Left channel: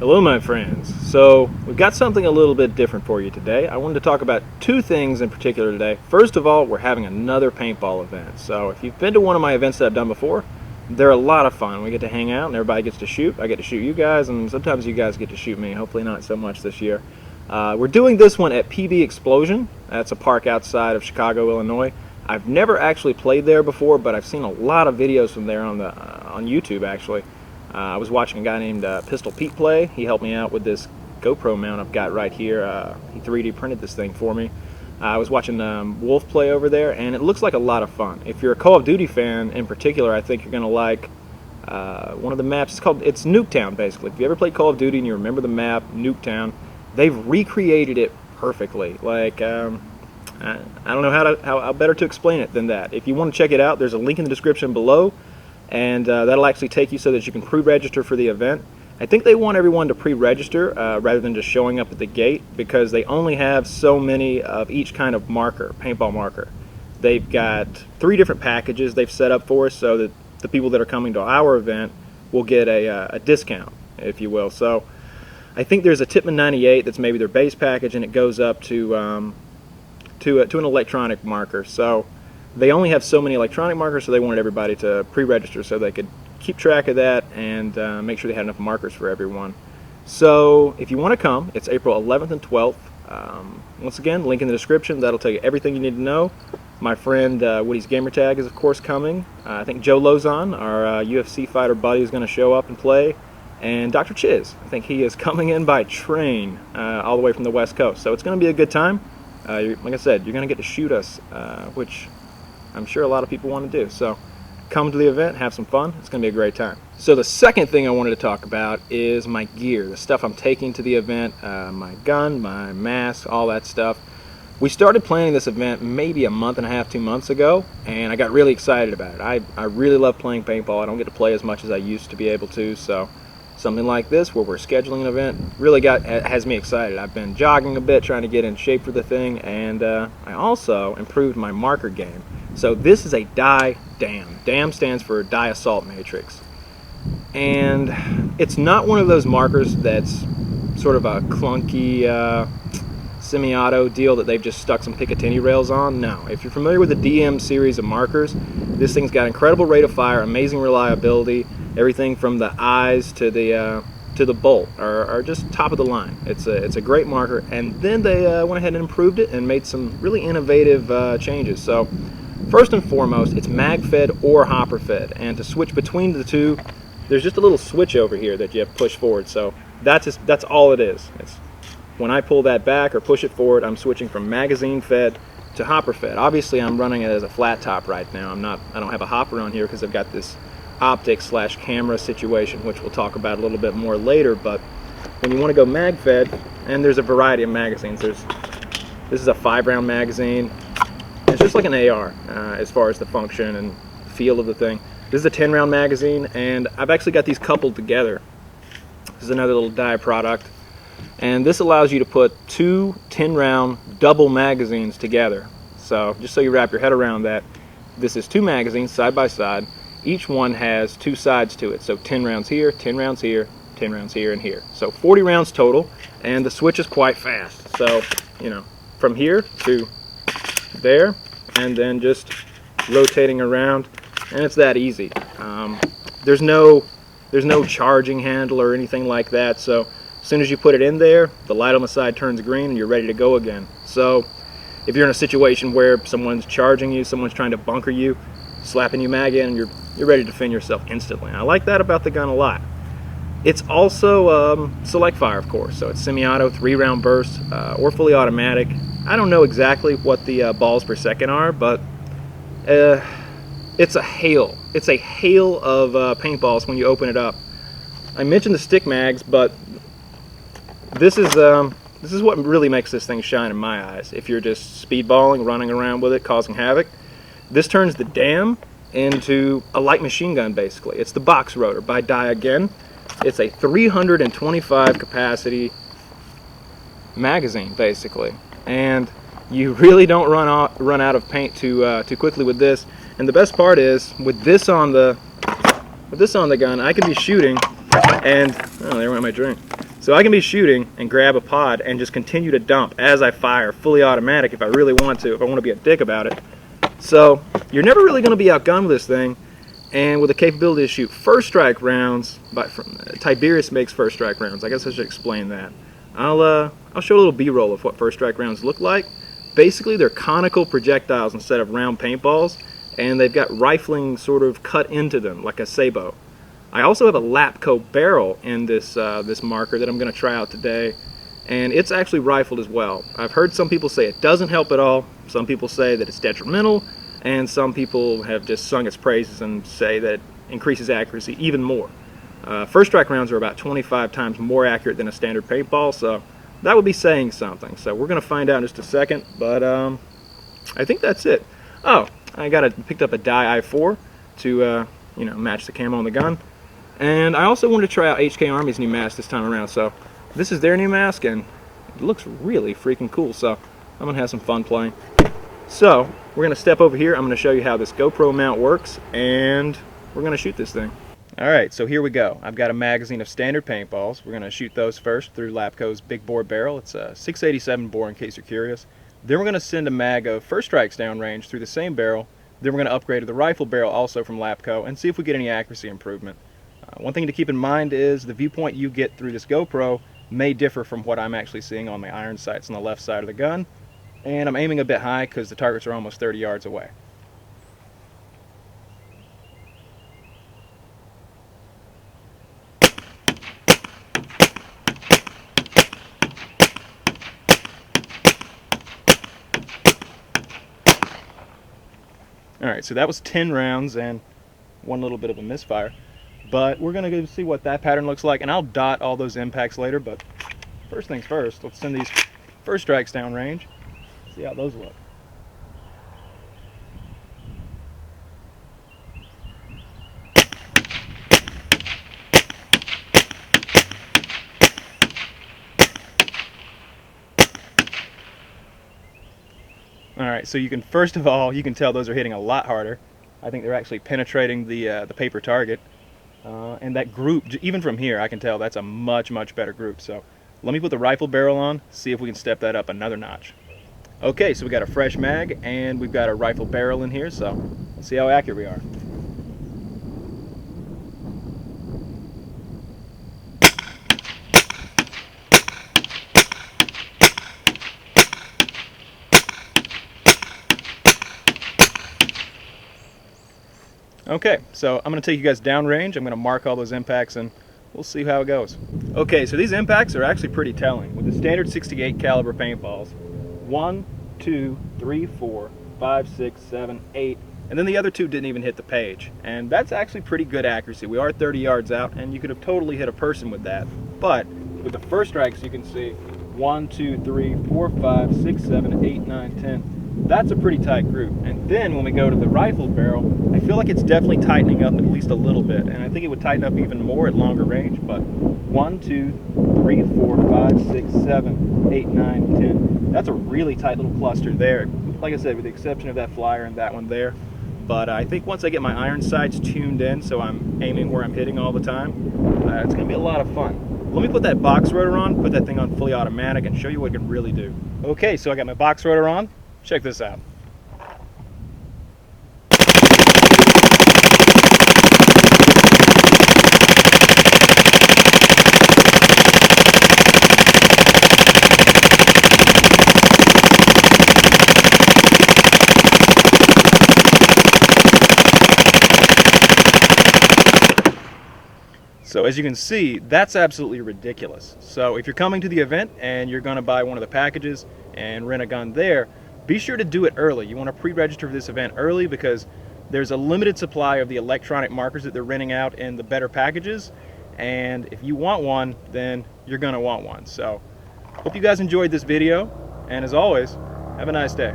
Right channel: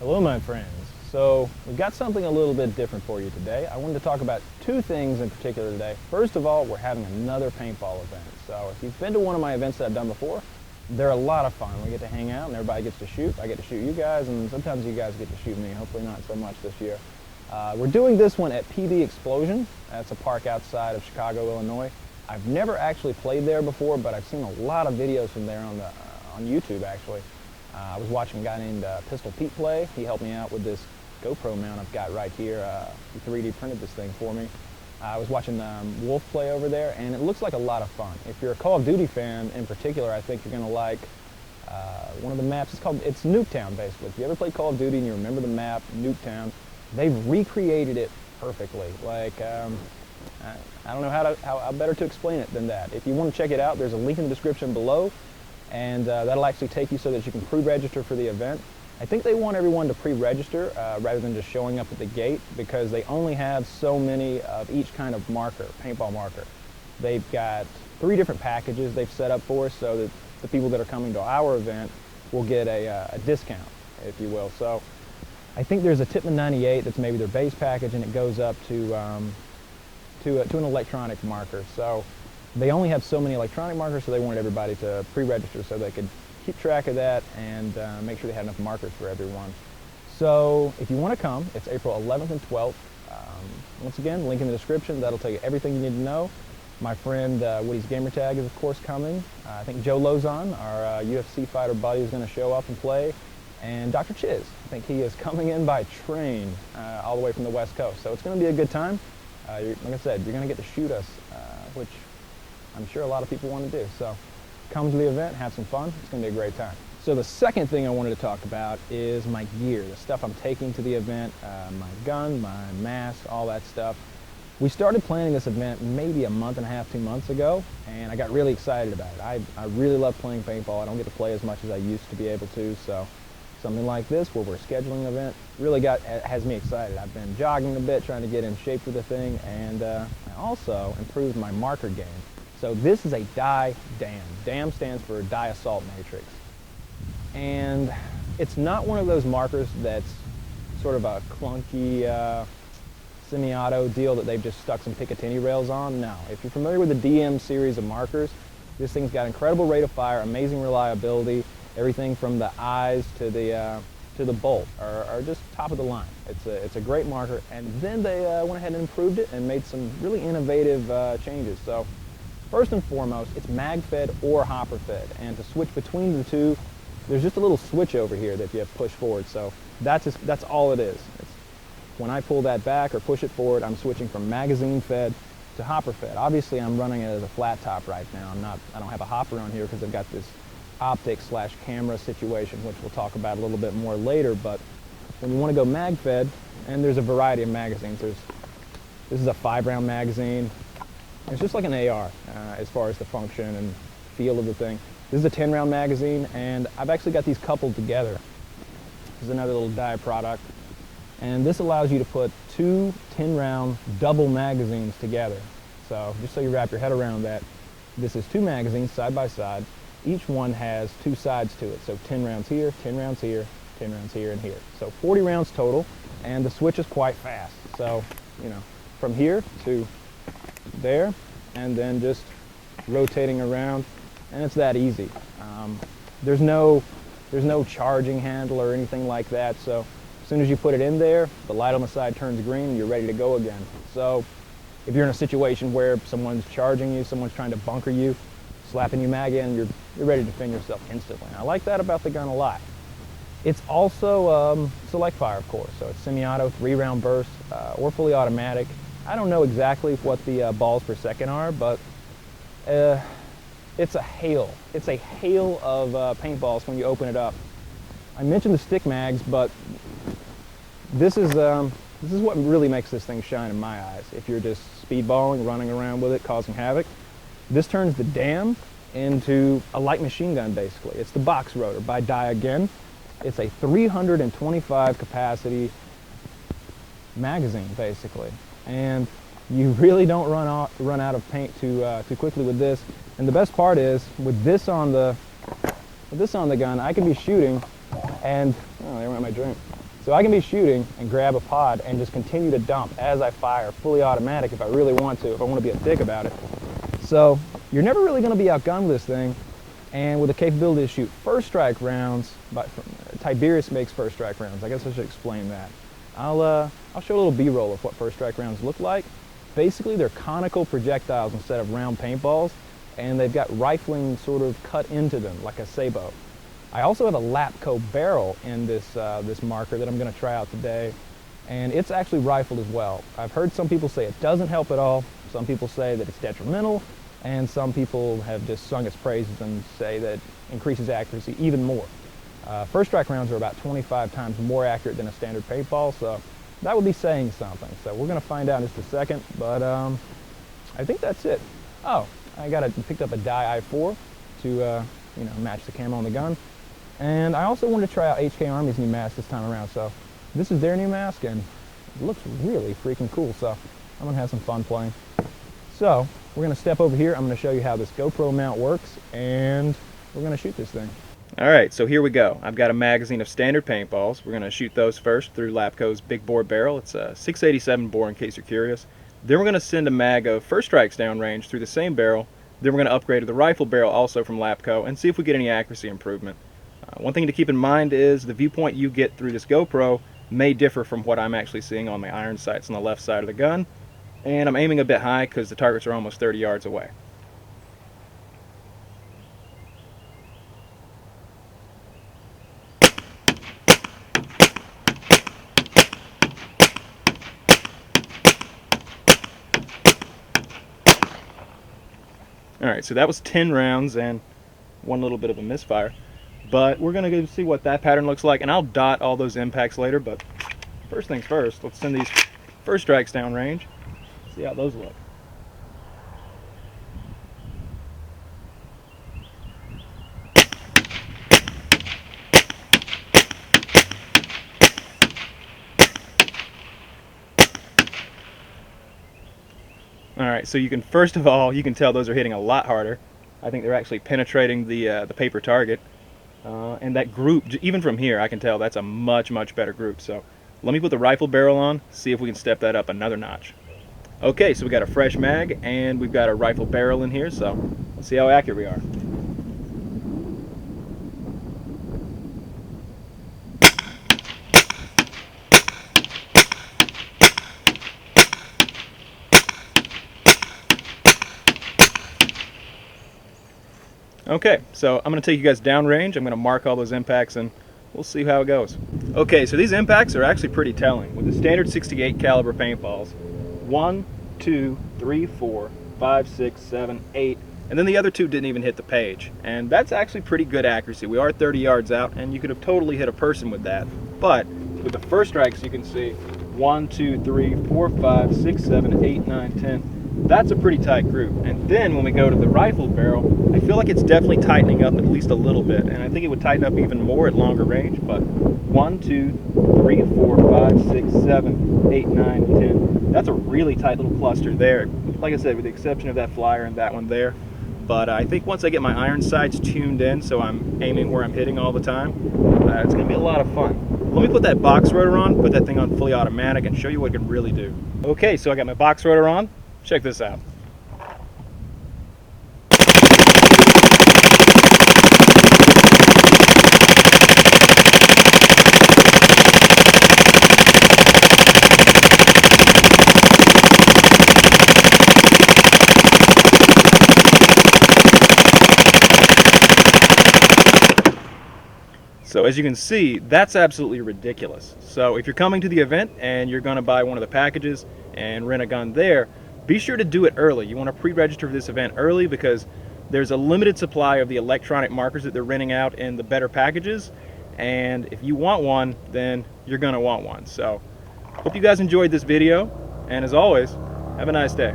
Hello my friends. So we've got something a little bit different for you today. I wanted to talk about two things in particular today. First of all, we're having another paintball event. So if you've been to one of my events that I've done before, they're a lot of fun. We get to hang out and everybody gets to shoot. I get to shoot you guys and sometimes you guys get to shoot me. Hopefully not so much this year. We're doing this one at PB Explosion. That's a park outside of Chicago, Illinois. I've never actually played there before, but I've seen a lot of videos from there on YouTube actually. I was watching a guy named Pistol Pete play. He helped me out with this GoPro mount I've got right here. He 3D printed this thing for me. I was watching Wolf play over there, and it looks like a lot of fun. If you're a Call of Duty fan in particular, I think you're going to like one of the maps. It's Nuketown, basically. If you ever played Call of Duty and you remember the map, Nuketown, they've recreated it perfectly. Like, I don't know how better to explain it than that. If you want to check it out, there's a link in the description below. And that'll actually take you so that you can pre-register for the event. I think they want everyone to pre-register rather than just showing up at the gate, because they only have so many of each kind of marker, paintball marker. They've got 3 different packages they've set up for us so that the people that are coming to our event will get a discount, if you will. So I think there's a Tipman 98 that's maybe their base package, and it goes up to an electronic marker. So they only have so many electronic markers, so they wanted everybody to pre-register so they could keep track of that and make sure they had enough markers for everyone. So if you want to come, it's April 11th and 12th. Once again, link in the description. That'll tell you everything you need to know. My friend Woody's Gamertag is of course coming. I think Joe Lozon, our UFC fighter buddy, is going to show up and play. And Dr. Chiz, I think he is coming in by train all the way from the West Coast. So it's going to be a good time. Like I said, you're going to get to shoot us, which I'm sure a lot of people want to do. So come to the event, have some fun. It's going to be a great time. So the second thing I wanted to talk about is my gear, the stuff I'm taking to the event, my gun, my mask, all that stuff. We started planning this event maybe a month and a half, 2 months ago, and I got really excited about it. I really love playing paintball. I don't get to play as much as I used to be able to, so something like this where we're scheduling an event really has me excited. I've been jogging a bit, trying to get in shape for the thing, and I also improved my marker game. So this is a dye dam. Dam stands for dye assault matrix. And it's not one of those markers that's sort of a clunky semi-auto deal that they've just stuck some Picatinny rails on. No, if you're familiar with the DM series of markers, this thing's got incredible rate of fire, amazing reliability. Everything from the eyes to the bolt are just top of the line. It's a great marker, and then they went ahead and improved it and made some really innovative changes. So first and foremost, it's mag fed or hopper fed, and to switch between the two, there's just a little switch over here that you have to push forward. So that's all it is. It's when I pull that back or push it forward, I'm switching from magazine fed to hopper fed. Obviously, I'm running it as a flat top right now. I don't have a hopper on here because I've got this optic / camera situation, which we'll talk about a little bit more later. But when you want to go mag fed, and there's a variety of magazines. This is a 5-round magazine. It's just like an AR as far as the function and feel of the thing. This is a 10-round magazine, and I've actually got these coupled together. This is another little dye product, and this allows you to put 2 10-round double magazines together. So just so you wrap your head around that, this is 2 magazines side by side. Each one has 2 sides to it, so 10 rounds here, 10 rounds here, 10 rounds here, and here. So 40 rounds total, and the switch is quite fast. So, you know, from here to there, and then just rotating around, and it's that easy. There's no charging handle or anything like that, so as soon as you put it in there, the light on the side turns green and you're ready to go again. So if you're in a situation where someone's charging you, someone's trying to bunker you, slapping you mag in, you're ready to defend yourself instantly. And I like that about the gun a lot. It's also select fire, of course, so it's semi-auto, 3-round burst, or fully automatic. I don't know exactly what the balls per second are, but it's a hail. It's a hail of paintballs when you open it up. I mentioned the stick mags, but this is what really makes this thing shine in my eyes. If you're just speedballing, running around with it, causing havoc, this turns the dam into a light machine gun, basically. It's the box rotor by Dye again. It's a 325 capacity magazine, basically, and you really don't run out of paint too quickly with this. And the best part is, with this on the gun, I can be shooting, and oh, there went my drink. So I can be shooting and grab a pod and just continue to dump as I fire, fully automatic if I really want to, if I want to be a dick about it. So you're never really going to be outgunned with this thing, and with the capability to shoot first strike rounds, Tiberius makes first strike rounds. I guess I should explain that. I'll show a little B-roll of what first strike rounds look like. Basically, they're conical projectiles instead of round paintballs, and they've got rifling sort of cut into them like a sabot. I also have a Lapco barrel in this marker that I'm going to try out today, and it's actually rifled as well. I've heard some people say it doesn't help at all, some people say that it's detrimental, and some people have just sung its praises and say that it increases accuracy even more. First strike rounds are about 25 times more accurate than a standard paintball, so that would be saying something. So we're going to find out in just a second, but I think that's it. Oh, I picked up a dye I4 to match the camo on the gun. And I also wanted to try out HK Army's new mask this time around. So this is their new mask, and it looks really freaking cool. So I'm going to have some fun playing. So we're going to step over here. I'm going to show you how this GoPro mount works, and we're going to shoot this thing. Alright, so here we go. I've got a magazine of standard paintballs. We're going to shoot those first through Lapco's big bore barrel. It's a 687 bore in case you're curious. Then we're going to send a mag of first strikes downrange through the same barrel. Then we're going to upgrade to the rifle barrel also from Lapco and see if we get any accuracy improvement. One thing to keep in mind is the viewpoint you get through this GoPro may differ from what I'm actually seeing on my iron sights on the left side of the gun. And I'm aiming a bit high because the targets are almost 30 yards away. Alright, so that was 10 rounds and one little bit of a misfire. But we're going to go see what that pattern looks like, and I'll dot all those impacts later. But first things first, let's send these first strikes downrange, see how those look. Alright, so you can, first of all, you can tell those are hitting a lot harder. I think they're actually penetrating the paper target. And that group, even from here, I can tell that's a much, much better group. So let me put the rifle barrel on, see if we can step that up another notch. Okay, so we got a fresh mag, and we've got a rifle barrel in here, so let's see how accurate we are. Okay, so I'm going to take you guys downrange. I'm going to mark all those impacts and we'll see how it goes. Okay, so these impacts are actually pretty telling. With the standard 68 caliber paintballs, 1, 2, 3, 4, 5, 6, 7, 8, and then the other two didn't even hit the page. And that's actually pretty good accuracy. We are 30 yards out, and you could have totally hit a person with that. But with the first strikes, you can see 1, 2, 3, 4, 5, 6, 7, 8, 9, 10. That's a pretty tight group. And then when we go to the rifle barrel, I feel like it's definitely tightening up at least a little bit. And I think it would tighten up even more at longer range. But 1, 2, 3, 4, 5, 6, 7, 8, 9, 10. That's a really tight little cluster there. Like I said, with the exception of that flyer and that one there. But I think once I get my iron sights tuned in so I'm aiming where I'm hitting all the time, it's going to be a lot of fun. Let me put that box rotor on, put that thing on fully automatic, and show you what it can really do. Okay, so I got my box rotor on. Check this out. So as you can see, that's absolutely ridiculous. So if you're coming to the event and you're going to buy one of the packages and rent a gun there, be sure to do it early. You want to pre-register for this event early because there's a limited supply of the electronic markers that they're renting out in the better packages. And if you want one, then you're going to want one. So hope you guys enjoyed this video. And as always, have a nice day.